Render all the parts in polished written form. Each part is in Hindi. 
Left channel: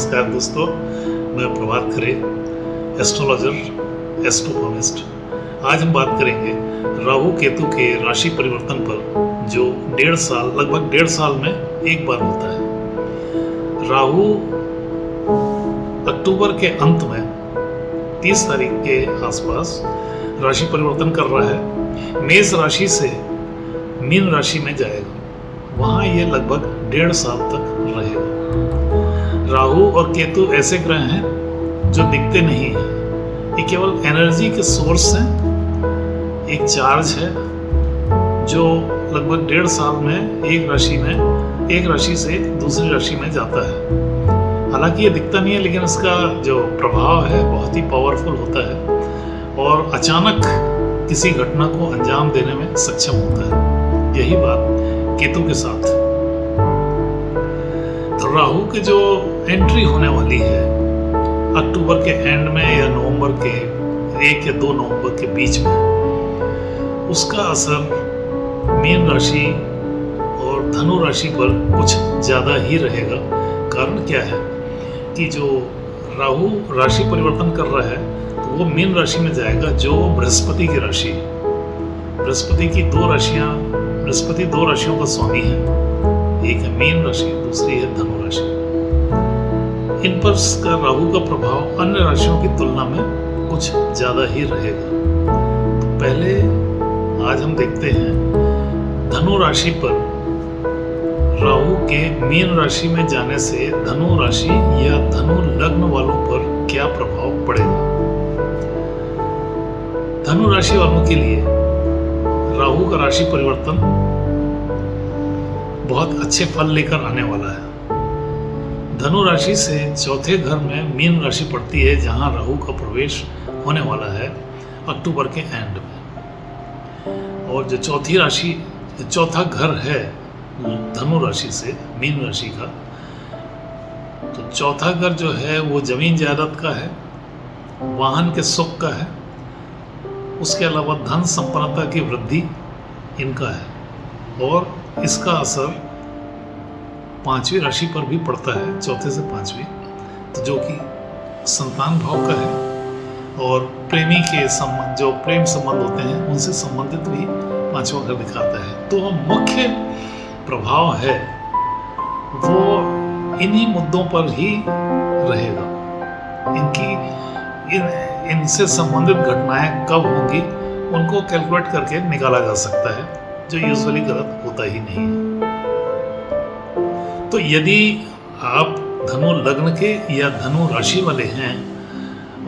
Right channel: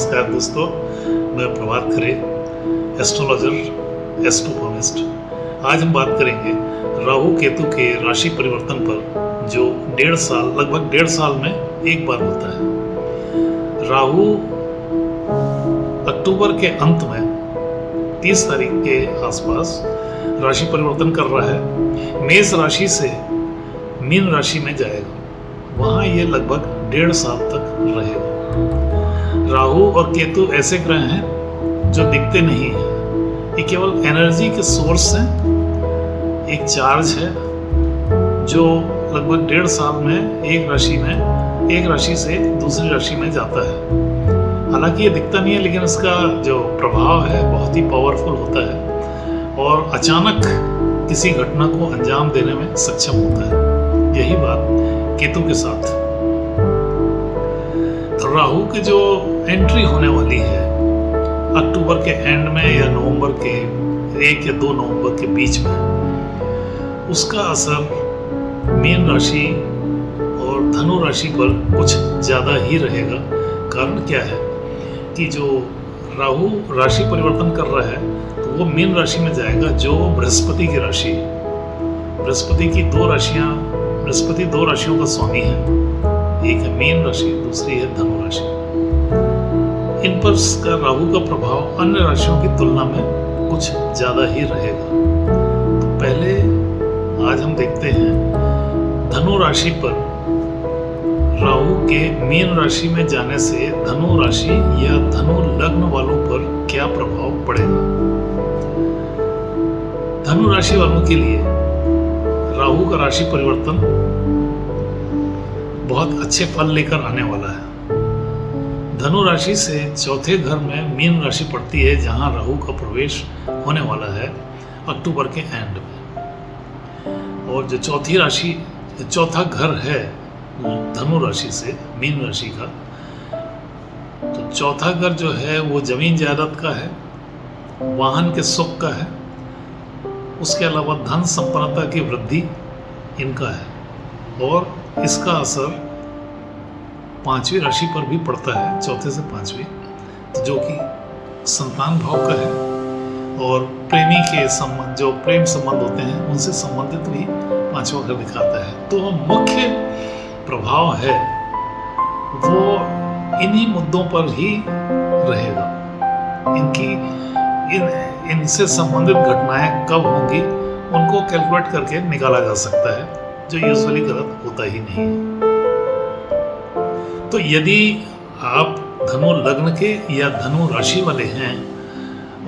नमस्कार दोस्तों, मैं प्रभात खरे, एस्ट्रोलॉजर, एस्ट्रोफॉर्मिस्ट। आज हम बात करेंगे राहु केतु के राशि परिवर्तन पर, जो लगभग डेढ़ साल में एक बार होता है। राहु अक्टूबर के अंत में 30 तारीख के आसपास राशि परिवर्तन कर रहा है। मेष राशि से मीन राशि में जाएगा, वहाँ ये लगभग डेढ़ साल तक रहेगा। राहु और केतु ऐसे ग्रह हैं जो दिखते नहीं हैं, ये केवल एनर्जी के सोर्स हैं। एक चार्ज है जो लगभग डेढ़ साल में एक राशि से दूसरी राशि में जाता है। हालांकि ये दिखता नहीं है, लेकिन इसका जो प्रभाव है बहुत ही पावरफुल होता है और अचानक किसी घटना को अंजाम देने में सक्षम होता है। यही बात केतु के साथ। तो राहु की जो एंट्री होने वाली है अक्टूबर के एंड में या नवंबर के 1 या 2 नवंबर के बीच में, उसका असर मीन राशि और धनु राशि पर कुछ ज़्यादा ही रहेगा। कारण क्या है कि जो राहु राशि परिवर्तन कर रहा है तो वो मीन राशि में जाएगा, जो बृहस्पति की राशि है। बृहस्पति की बृहस्पति दो राशियों का स्वामी है, एक है मीन राशि, दूसरी है धनु राशि। इन पर राहु का प्रभाव अन्य राशियों की तुलना में कुछ ज्यादा ही रहेगा। तो पहले आज हम देखते हैं धनु राशि पर राहु के मीन राशि में जाने से धनु राशि या धनु लग्न वालों पर क्या प्रभाव पड़ेगा। धनु राशि वालों के लिए राहु का राशि परिवर्तन बहुत अच्छे फल लेकर आने वाला है। धनु राशि से चौथे घर में मीन राशि पड़ती है, जहां राहु का प्रवेश होने वाला है अक्टूबर के एंड में। और जो चौथा घर है धनु राशि से मीन राशि का, तो चौथा घर जो है वो जमीन जायदाद का है, वाहन के सुख का है, उसके अलावा धन संपन्नता की वृद्धि इनका है। और इसका असर 5वीं राशि पर भी पड़ता है, चौथे से 5वीं, तो जो कि संतान भाव का है और प्रेमी के संबंध, जो प्रेम संबंध होते हैं उनसे संबंधित भी 5वां घर दिखाता है। तो मुख्य प्रभाव है वो इन्हीं मुद्दों पर ही रहेगा। इनसे संबंधित घटनाएं कब होंगी उनको कैलकुलेट करके निकाला जा सकता है, जो यूजुअली गलत होता ही नहीं है। तो यदि आप धनु लग्न के या धनु राशि वाले हैं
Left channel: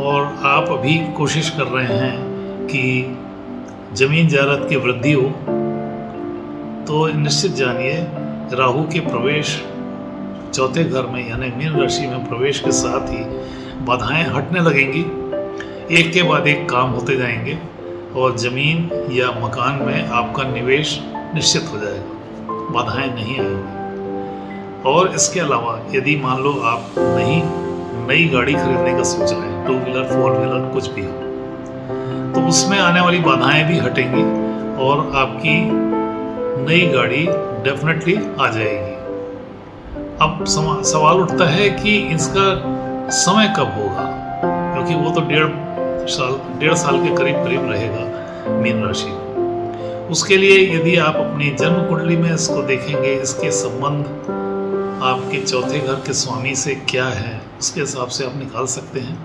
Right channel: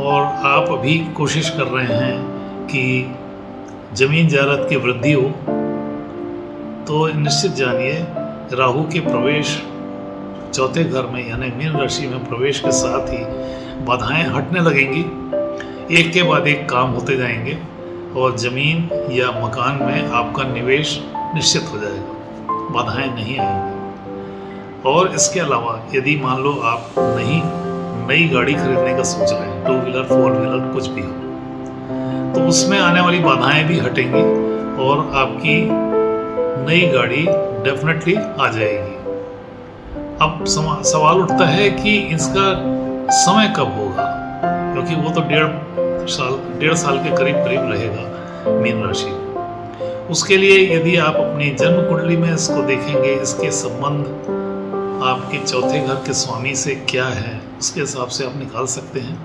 और आप अभी कोशिश कर रहे हैं कि जमीन जायदाद की वृद्धि हो, तो निश्चित जानिए राहु के प्रवेश चौथे घर में यानी मीन राशि में प्रवेश के साथ ही बाधाएं हटने लगेंगी। एक के बाद एक काम होते जाएंगे और जमीन या मकान में आपका निवेश निश्चित हो जाएगा, बाधाएं नहीं आएंगी। और इसके अलावा यदि मान लो आप नई गाड़ी खरीदने का सोच रहे हैं, 2 व्हीलर 4 व्हीलर कुछ भी हो, तो उसमें आने वाली बाधाएं भी हटेंगी और आपकी नई गाड़ी डेफिनेटली आ जाएगी। अब सवाल उठता है कि इसका समय कब होगा, क्योंकि वो तो डेढ़ साल के करीब रहेगा मीन राशि में। उसके लिए यदि आप अपनी जन्म कुंडली में इसको देखेंगे, इसके संबंध आपके चौथे घर के स्वामी से क्या है, उसके हिसाब से आप निकाल सकते हैं,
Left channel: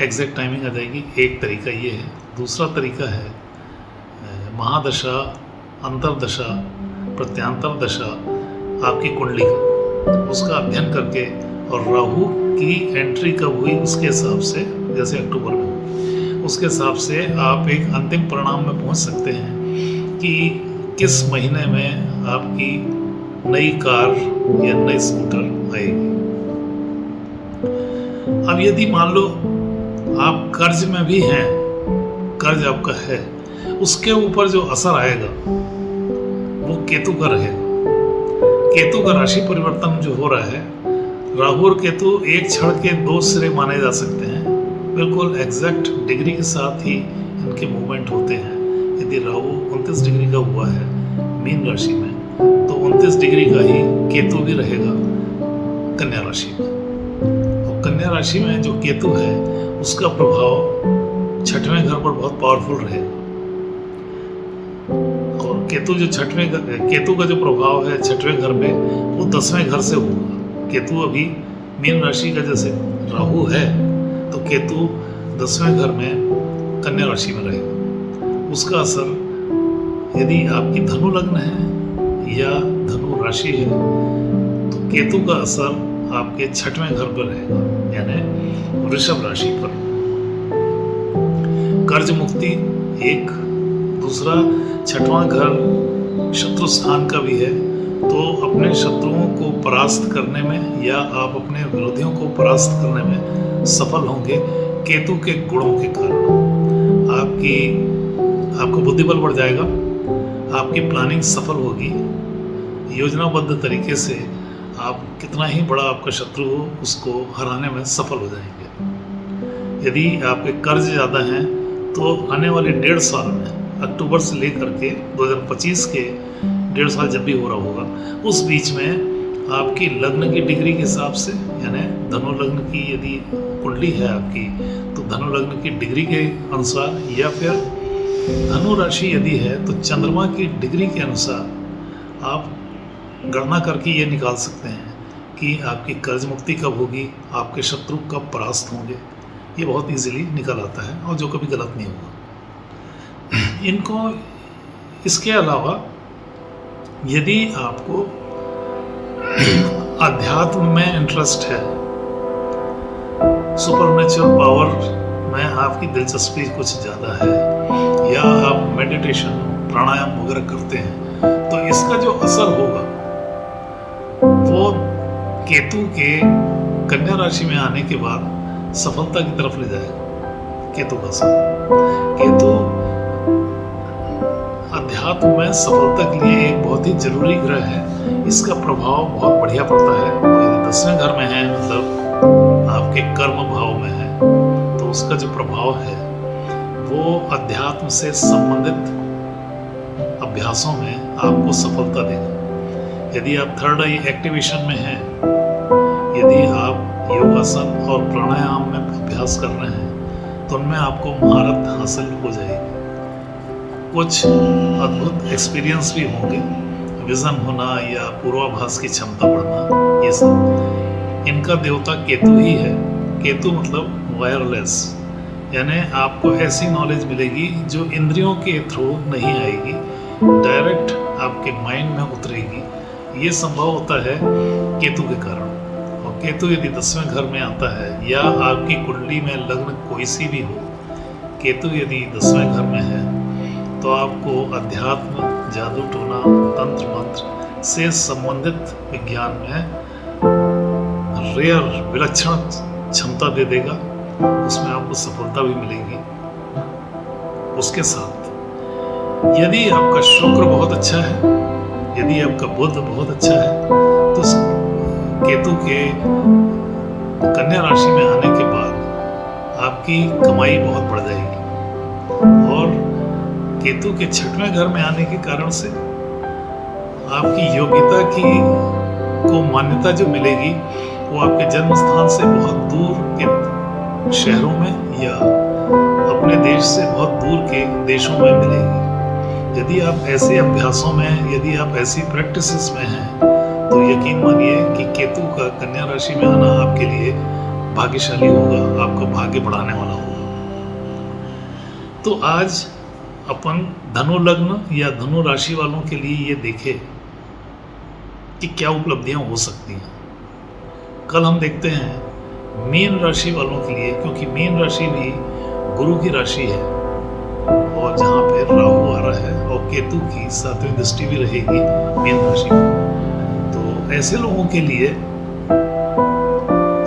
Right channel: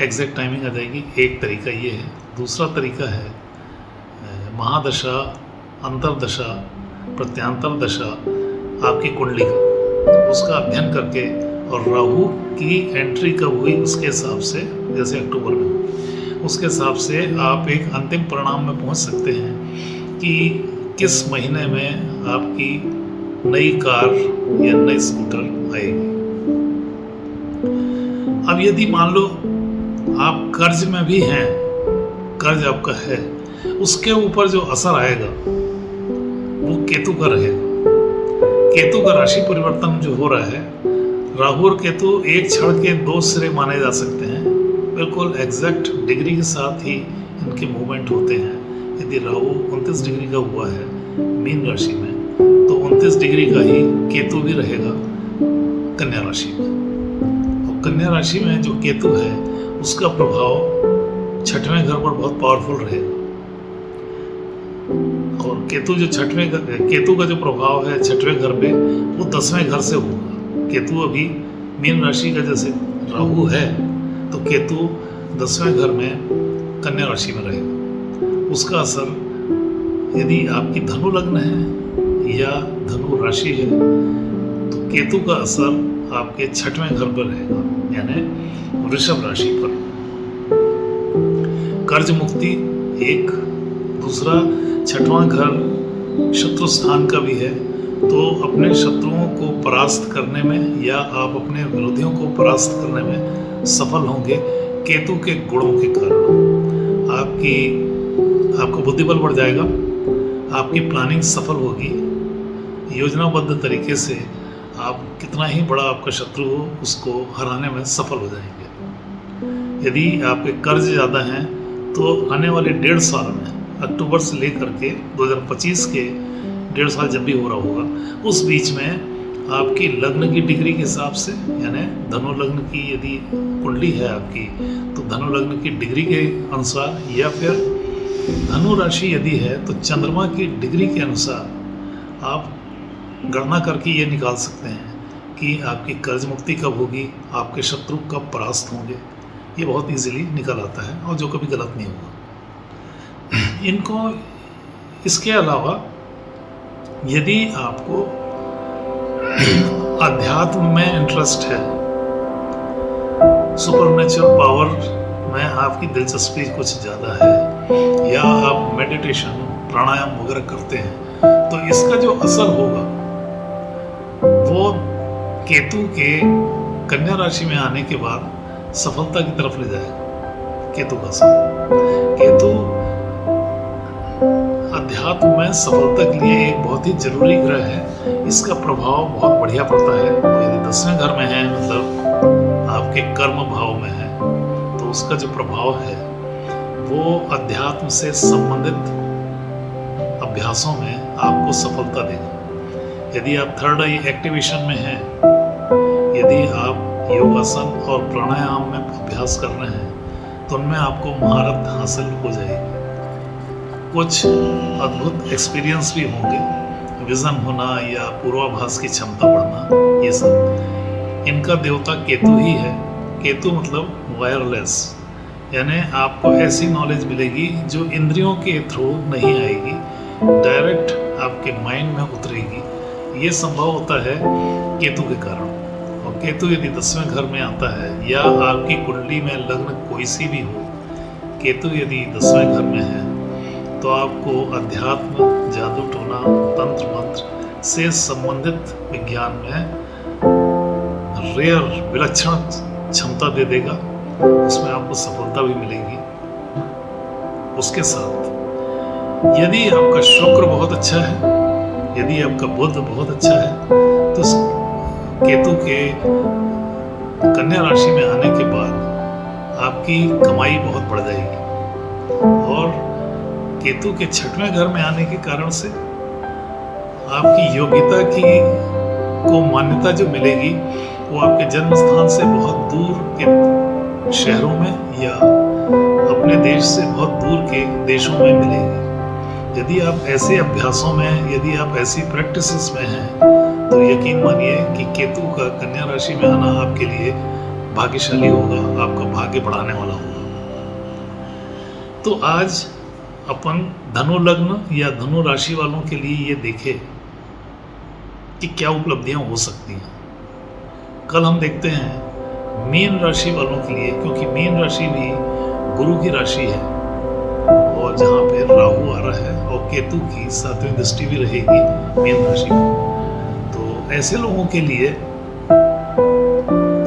एग्जैक्ट टाइमिंग आ जाएगी। एक तरीका ये है। दूसरा तरीका है महादशा, अंतरदशा, प्रत्यांतर दशा आपकी कुंडली का, उसका अध्ययन करके और राहु की एंट्री कब हुई उसके हिसाब से, जैसे अक्टूबर में, उसके हिसाब से आप एक अंतिम परिणाम में पहुंच सकते हैं कि किस महीने में आपकी नई कार या नई स्कूटर आएगी। अब यदि मान लो आप कर्ज में भी हैं, कर्ज आपका है, उसके ऊपर जो असर आएगा वो केतु का रहेगा। केतु का राशि परिवर्तन जो हो रहा है, राहु और केतु एक छड़ के 2 सिरे माने जा सकते हैं, बिल्कुल एग्जैक्ट डिग्री के साथ ही इनके मूवमेंट होते हैं। यदि राहु 29 डिग्री का हुआ है मीन राशि में, तो 29 डिग्री का ही केतु भी रहेगा कन्या राशि में। कन्या राशि में जो केतु है उसका प्रभाव छठवें घर पर बहुत पावरफुल रहेगा। और केतु का जो प्रभाव है छठवें घर पे वो 10वें घर से होगा। केतु अभी मीन राशि का जैसे राहु है तो केतु 10वें घर में कन्या राशि में रहेगा। उसका असर यदि आपकी धनु लग्न है या धनु राशि है तो केतु का असर आपके छठवें घर पर रहेगा, यानी वृषभ राशि पर। कर्ज मुक्ति एक, दूसरा छठवां घर शत्रु स्थान का भी है, तो अपने शत्रुओं को परास्त करने में या आप अपने विरोधियों को परास्त करने में सफल होंगे केतु के गुणों के कारण। आपको बुद्धिबल बढ़ जाएगा, आपकी प्लानिंग सफल होगी, योजनाबद्ध तरीके से आप कितना ही बड़ा आपका शत्रु हो उसको हराने में सफल हो जाएंगे। यदि आपके कर्ज ज़्यादा हैं तो आने वाले 1.5 साल में, अक्टूबर से लेकर के 2025 के 1.5 साल जब भी हो रहा होगा, उस बीच में आपकी लग्न की डिग्री के हिसाब से, यानी धनु लग्न की यदि कुंडली है आपकी तो धनु लग्न की डिग्री के अनुसार, या फिर धनु राशि यदि है तो चंद्रमा की डिग्री के अनुसार आप गणना करके ये निकाल सकते हैं कि आपकी कर्ज मुक्ति कब होगी, आपके शत्रु कब परास्त होंगे। ये बहुत इजीली निकल आता है और जो कभी गलत नहीं होगा। इनको इसके अलावा यदि आपको अध्यात्म में इंटरेस्ट है, सुपरनेचुरल पावर में आपकी दिलचस्पी कुछ ज़्यादा है, या आप मेडिटेशन प्राणायाम वगैरह करते हैं, तो इसका जो असर होगा वो केतु के कन्या राशि में आने के बाद सफलता की तरफ ले जाएगा। केतु का असर, केतु अध्यात्म में सफलता के लिए एक बहुत ही जरूरी ग्रह है। इसका प्रभाव बहुत बढ़िया पड़ता है, और यदि 10वें घर में है, मतलब आपके कर्म भाव में है, तो उसका जो प्रभाव है वो अध्यात्म से संबंधित अभ्यासों में आपको सफलता देगा। यदि आप थर्ड आई एक्टिवेशन में हैं, यदि आप योगासन और प्राणायाम में अभ्यास कर रहे हैं, तो उनमें आपको महारत हासिल हो जाएगी। कुछ अद्भुत एक्सपीरियंस भी होंगे, विजन होना या पूर्वाभास की क्षमता बढ़ना, ये सब इनका देवता केतु ही है। केतु मतलब वायरलेस, यानी आपको ऐसी नॉलेज मिलेगी जो इंद्रियों के थ्रू नहीं आएगी, डायरेक्ट आपके माइंड में उतरेगी। ये संभव होता है केतु के कारण। और केतु यदि 10वें घर में आता है, या आपकी कुंडली में लग्न कोई सी भी हो, केतु यदि 10वें घर में है, तो आपको अध्यात्म, जादू टोना, तंत्र मंत्र से संबंधित विज्ञान में रेयर, विलक्षण क्षमता दे देगा। उसमें आपको सफलता भी मिलेगी। उसके साथ यदि आपका शुक्र बहुत अच्छा है, यदि आपका बुध बहुत अच्छा है, तो केतु के कन्या राशि में आने के बाद आपकी कमाई बहुत बढ़ जाएगी। और केतु के 6वें घर में आने के कारण से आपकी योग्यता को मान्यता जो मिलेगी वो आपके जन्म स्थान से बहुत दूर के शहरों में या अपने देश से बहुत दूर के देशों में मिलेगी। यदि आप ऐसे अभ्यासों में, यदि आप ऐसी प्रैक्टिसेस में हैं, तो यकीन मानिए कि केतु का कन्या राशि में आना आपके लिए भाग्यशाली होगा, आपका भाग्य बढ़ाने वाला होगा। तो आज अपन धनु लग्न या धनु राशि वालों के लिए ये देखें कि क्या उपलब्धियां हो सकती हैं। कल हम देखते हैं मीन राशि वालों के लिए, क्योंकि मीन राशि भी गुरु की राशि है और जहाँ पे राहु आ रहा है और केतु की 7वीं दृष्टि भी रहेगी मीन राशि में। तो ऐसे लोगों के लिए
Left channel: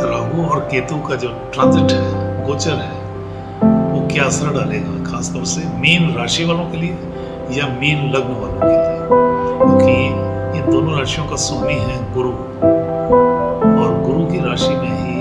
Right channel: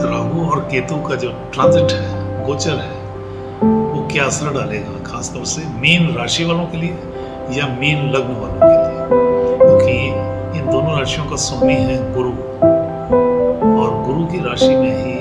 राहु और केतु का जो ट्रांजिट है, गोचर है, वो क्या असर डालेगा, खासतौर से मीन राशि वालों के लिए या मीन लग्न वालों के लिए, क्योंकि इन दोनों राशियों का स्वामी है गुरु, और गुरु की राशि में ही